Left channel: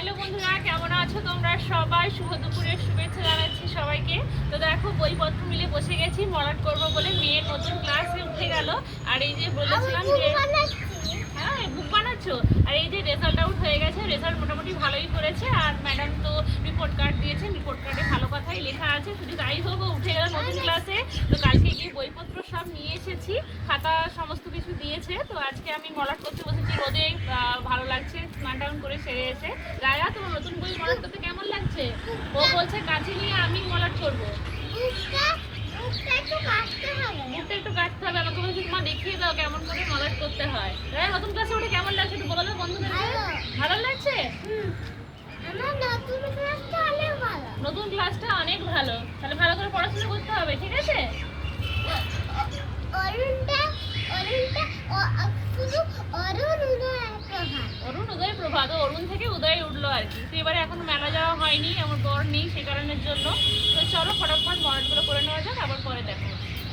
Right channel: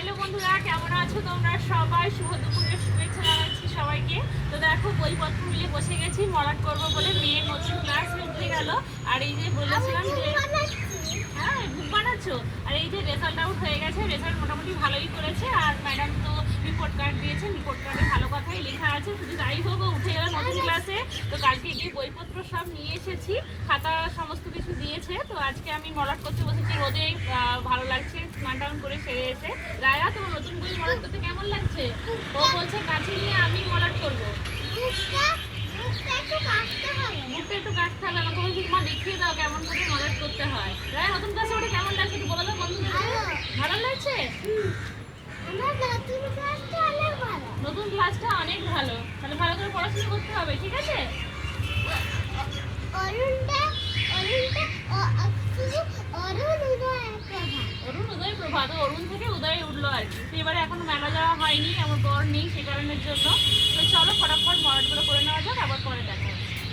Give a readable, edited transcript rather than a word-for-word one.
Hello বন্ধুরা, কেমন আছো তোমরা সবাই? শুভ দুপুরের শুভেচ্ছা জানাচ্ছি সবাইকে। তো দেখো বইপত্র মিলে বসে গেছি মলাট করবো বলে। মেয়ের নতুন ক্লাসে উঠে গেল। আর এই যে বলেছিলাম যে হ্যাঁ বুক বানাচ্ছো, আর এই যে রেজাল্ট আউট হয়ে গেছে, রেজাল্ট মোটামুটি ভালোই করেছে। আর ম্যাডাম তো রিপোর্ট কার্ড দিয়েছে, রিপোর্ট কার্ডে ভালো কথাই লেখা আছে। শুধু যাই হোক, ও উঠে গেল নতুন ক্লাসে। তো কালকে গিয়ে বইপত্র সব নিয়ে এসেছি, খাতা সমস্ত কিছু দিয়েছে। তো আজকে আমি মলাট করতে বসেছি রোদে, ভালো লাগছে, স্নান টান করে সেরে এসে। রায়া, তোমার নতুন বই মলাট করতে কেমন লাগছে? ও বলছে কাছে নিয়ে আমি মলাট করবো। মুখটা একটু কাটতে হবে, আমাকে বলছি মা দেখিয়ে দাও কেমন করে মলাট করতে হয়। রায়া, নতুন ক্লাসে ওটা কেমন লাগছে একটু বলো তো বন্ধুদের। ভালো লাগছে? নতুন ক্লাসটা অনেক ভালো। তাহলে ভালো করে পড়াশোনা করতে হবে, ঠিক আছে? অরুণ উদয় প্রভাত, অরুণ থেকে উদয় উঠলো আর কি। তো এবারে এখনো মেলা যাওয়া হয়নি, আমার বর নেই সে কারণের জন্য। তো চলো ফটাফট মলাটগুলো করে নেওয়া যাক, আবার পরে দেখা।